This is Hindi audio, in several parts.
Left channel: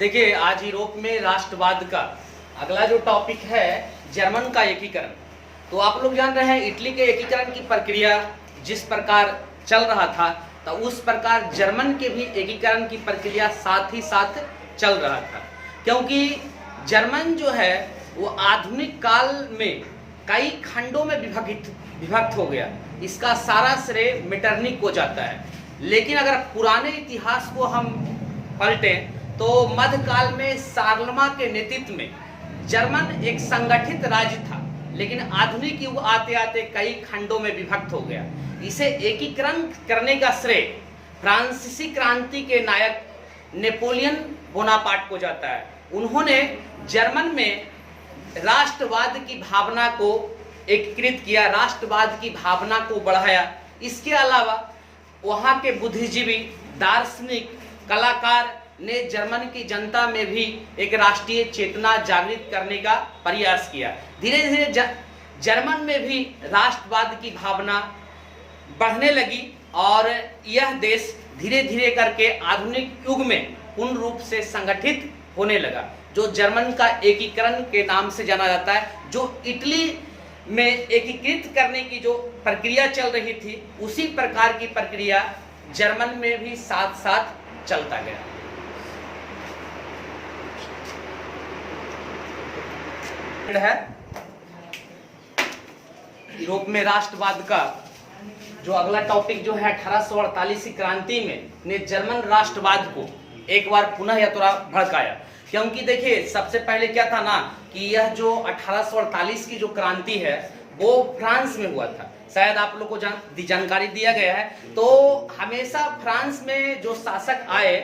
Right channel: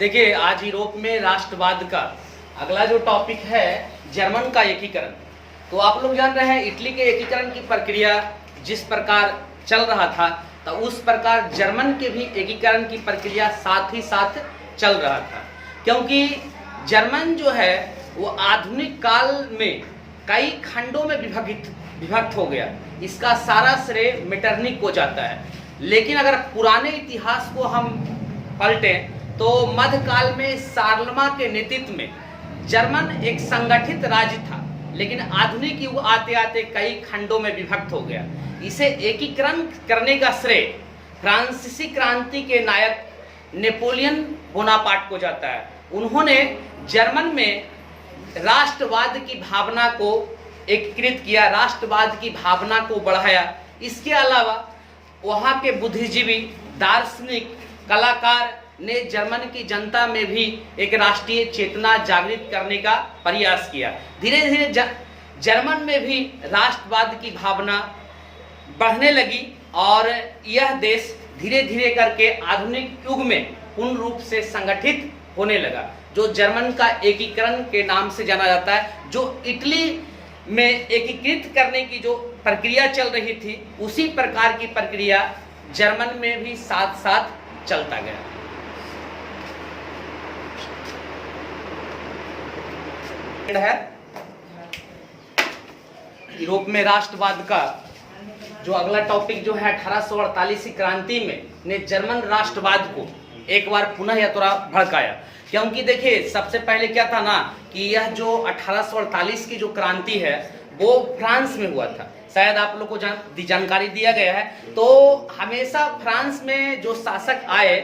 देखिए, आज यूरोप में राष्ट्रवाद का अगला जो टॉपिक है जर्मन का एकीकरण। तो आप लोग जान रहे हैं इटली के एकीकरण की प्रक्रिया जिस प्रकार चल रहा था, तो उस प्रकार जर्मन के भी एकीकरण की प्रक्रिया साथ ही साथ चल रहा था। क्योंकि जर्मन जो है वो आधुनिक काल में कई खंडों में विभक्त हो गया। इसका सारा श्रेय मेटरनिक को जाता है। लेकिन अगर पुराने इतिहास को हम पलटें तो मध्यकाल में शार्लमा के नेतृत्व में जर्मन एक संगठित राज्य था, लेकिन आधुनिक युग आते आते कई खंडों में विभक्त हो गया। इसे एकीकरण करने का श्रेय फ्रांसीसी क्रांति के नायक नेपोलियन बोनापार्ट को जाता है। उन्होंने जर्मन में राष्ट्रवाद की भावना को एकीकृत किया, राष्ट्रवाद की भावना को बढ़ाया। इसके अलावा वहाँ के बुद्धिजीवी, दार्शनिक, कलाकार ने जर्मन की जनता में भी एक राष्ट्रीय चेतना जागृत करने का प्रयास किया। धीरे धीरे जर्मन में भी राष्ट्रवाद की भावना बढ़ने लगी और यह देश धीरे धीरे करके आधुनिक युग में पूर्ण रूप से संगठित होने लगा, जो जर्मन का एकीकरण के नाम से जाना जाता है। जो इटली में एकीकृत करने की जो प्रक्रिया चल रही थी, उसी प्रकार की प्रक्रिया जर्मन में भी साथ साथ चलता गया। है यूरोप में राष्ट्रवाद का जो अगला टॉपिक जो है 1848 की क्रांति में ने जर्मन राष्ट्रवाद को एक बार पुनः या थोड़ा भड़काया। क्योंकि देखिए, सबसे पहले क्या था ना कि यह जो 1848 की जो क्रांति है वो फ्रांस में हुआ था। शायद आप लोग को जानकारी दिया गया है। तो हमेशा फ्रांस में जो शासक आए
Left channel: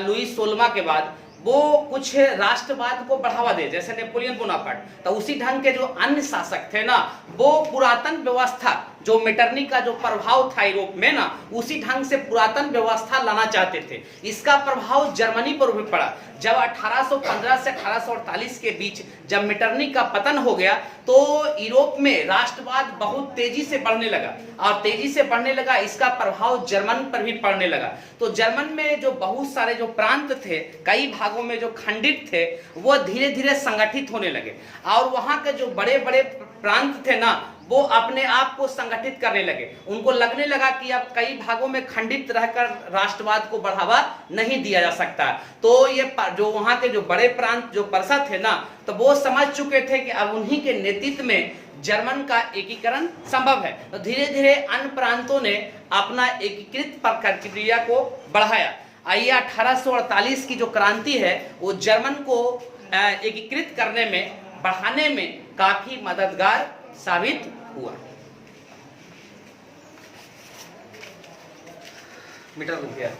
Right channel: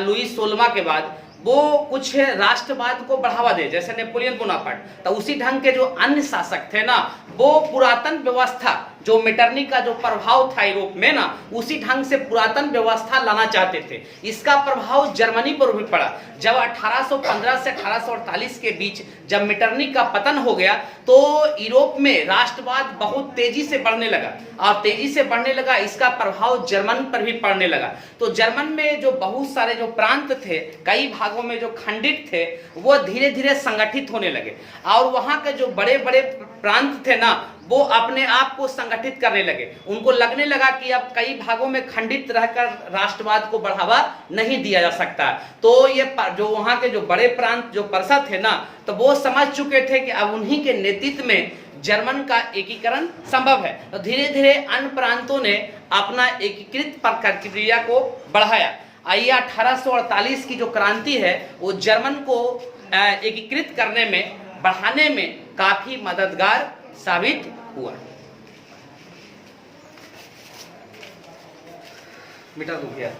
लुई 16वां के बाद, वो कुछ राष्ट्रवाद को बढ़ावा दे, जैसे नेपोलियन बोनापार्ट। तो उसी ढंग के जो अन्य शासक थे ना, वो पुरातन व्यवस्था जो मेटरनिक का जो प्रभाव था यूरोप में ना, उसी ढंग से पुरातन व्यवस्था लाना चाहते थे। इसका प्रभाव जर्मनी पर भी पड़ा। जब 1815 से 1848 के बीच जब मेटरनिक का पतन हो गया, तो यूरोप में राष्ट्रवाद बहुत तेजी से बढ़ने लगा और तेजी से बढ़ने लगा, इसका प्रभाव जर्मन पर भी पड़ने लगा। तो जर्मन में जो बहुत सारे जो प्रांत थे, कई भागों में जो खंडित थे, वो धीरे धीरे संगठित होने लगे और वहां के जो बड़े बड़े प्रांत थे ना, वो अपने आप को संगठित करने लगे। उनको लगने लगा कि अब कई भागों में खंडित रहकर राष्ट्रवाद को बढ़ावा नहीं दिया जा सकता। तो ये जो वहां के जो बड़े प्रांत जो प्रजा थे ना, तो वो समझ चुके थे कि अब उन्हीं के नेतृत्व में जर्मन का एकीकरण संभव है। तो धीरे धीरे अन्य प्रांतों ने अपना एकीकृत प्रक्रिया को बढ़ाया। आइए 1848 की जो क्रांति है वो जर्मन को एकीकृत करने में, बढ़ाने में काफी मददगार साबित हुआ। मीटर रुक गया।